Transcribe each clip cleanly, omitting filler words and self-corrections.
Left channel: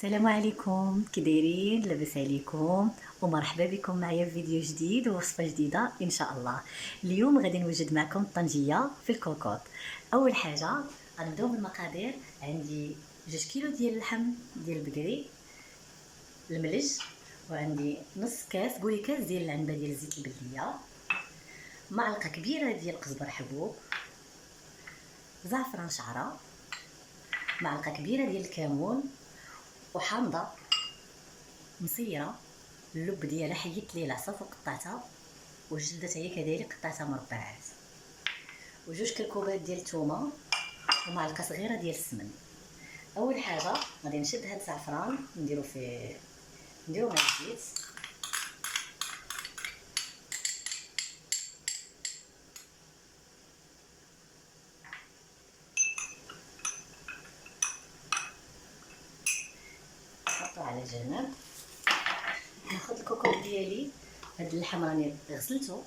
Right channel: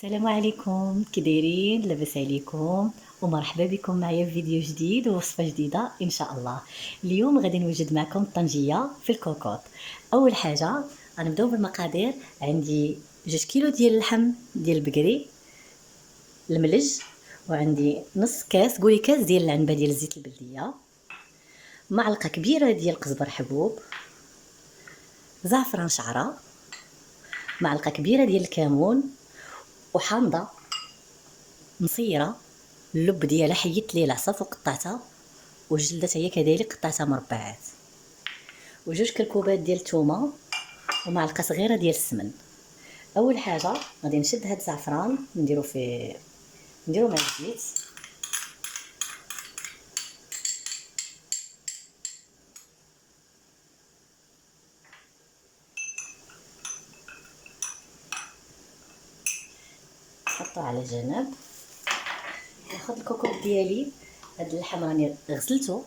السلام عليكم، كي دايرين؟ لاباس عليكم ومرحبا بكم معايا في فيديو جديد ووصفه جديده ان شاء الله. اليوم غادي نوجد معكم الطنجيه في الكوكوط. اول حاجه غنبداو بالمقادير. عندي 2 كيلو ديال اللحم ديال البقري الملج، وعندي نص كاس، قولي كاس ديال العنبه ديال الزيت البلديه، معلقه كبيره ديال القزبر حبوب، زعفران شعره، معلقه كبيره ديال الكمون، وحامضه مصيره اللب ديالها حيدت ليه العصاف وقطعتها، والجلده هي كذلك قطعتها مربعات، وجوج كركوبات ديال الثومه، ومعلقه صغيره ديال السمن. اول حاجه غادي نشد هاد الزعفران نديرو مع الزيت، نحطو على جنب. ناخذ الكوكوط ديالي، هاد اللحم راني غسلته،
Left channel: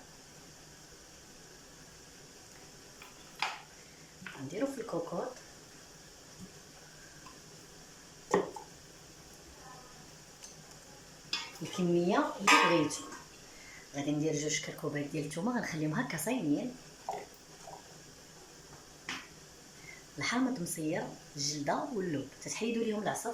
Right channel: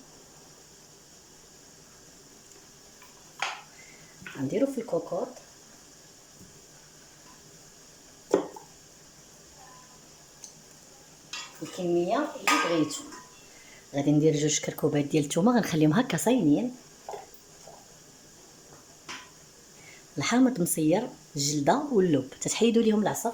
غنديرو في الكوكوط، الكميه اللي بغيتو. غادي ندير 2 كركوبات ديال الثومه، غنخليهم هكا صايمين، الحامض مصير، الجلده واللب تتحيدوا ليهم العصف،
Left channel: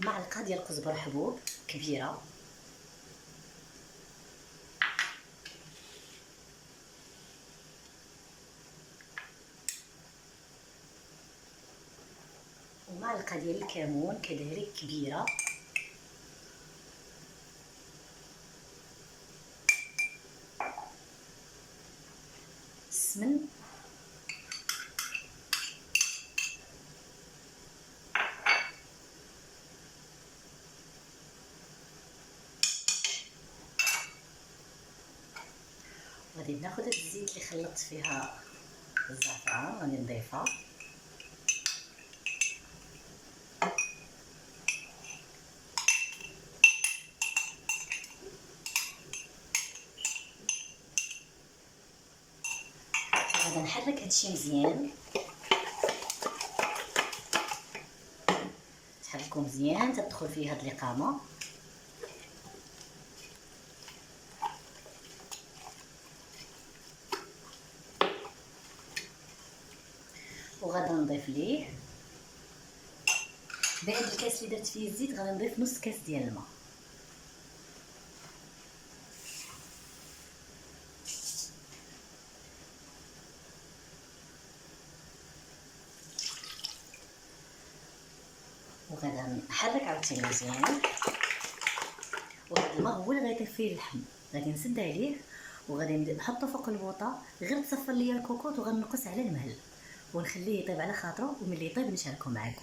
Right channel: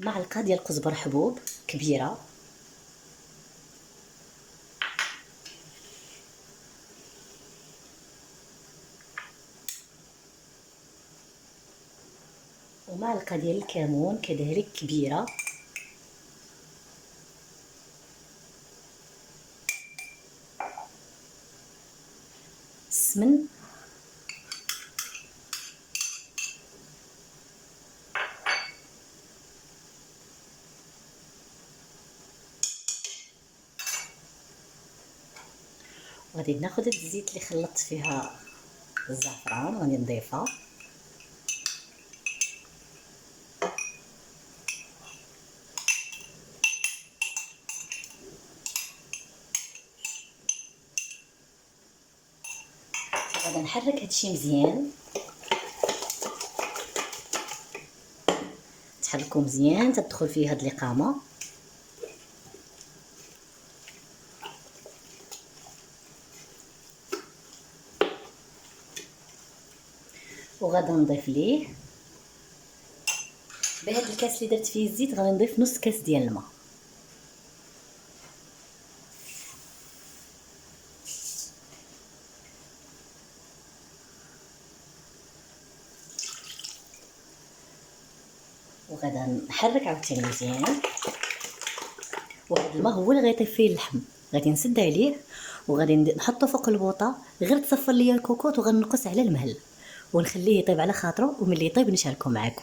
معلقه ديال القزبر حبوب كبيره، ومعلقه ديال الكمون كذلك كبيره، السمن، وغادي ناخذ هاد الزيت اللي خلطت فيها الزعفران غادي نضيفها، غادي نحرك هادشي مزيان، تحركو مزيان تدخل فيه هاد القامه، وغادي نضيف ليه بهاد الكاس اللي درت فيه الزيت، غادي نضيف نص كاس ديال الماء، وغادي نحرك عاوتاني مزيان. وهاد الماء هو اللي غيطيب فيه اللحم، غادي نسد عليه وغادي نحطو فوق البوطه، غير تصفر ليا الكوكوط، وغنقص على المهل ونخليه يطيب على خاطرو، وملي يطيب نشاركو معاكم.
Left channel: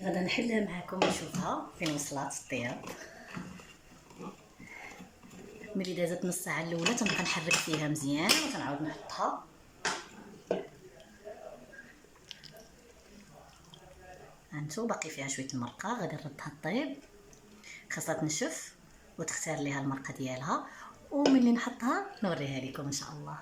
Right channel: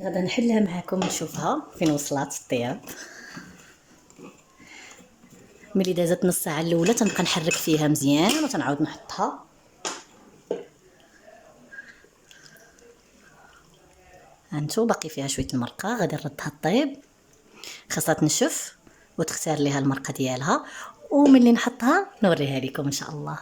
غادا نحلها معاكم نشوفها فين وصلات الطياب. ملي دازت نص ساعه الاولى تنبقى نحرك فيها مزيان وتنعاود نحطها. هانتو باقي فيها شويه المرقه، غادي نردها طيب، خاصها تنشف وتختار ليها المرقه ديالها، وملي نحطها نوريها لكم ان شاء الله.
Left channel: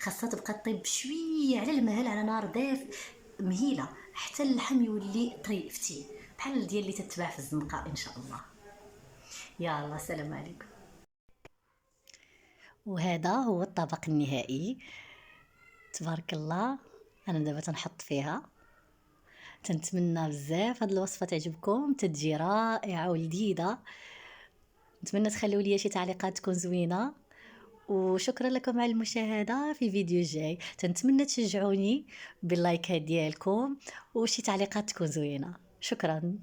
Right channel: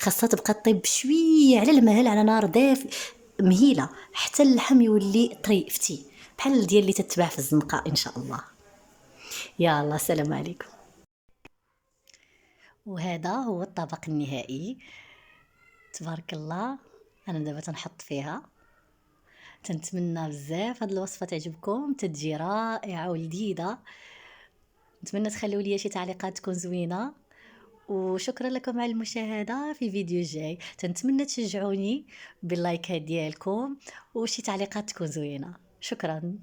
خاصها تبقى طيب بشويه على المهل على نار دافئ مهيله حتى اللحم يولي طري فتي بحال ديال اللي تتباع في الزنقه ان شاء الله. يلا السلام عليكم. وهذا هو الطبق النهائي، تبارك الله. انا دابا تنحط فيها، تنتمنى بزاف هاد الوصفه تعجبكم، تتجي رائعه ولذيذه. نتمنى تخليو لي شي تعليقات تكون زوينه، وشكرا لكم على المشاهده. في فيديو جاي تنتمنى تشجعوني باللايكات ديالكم وشي تعليقات تكون زوينه. شكرا.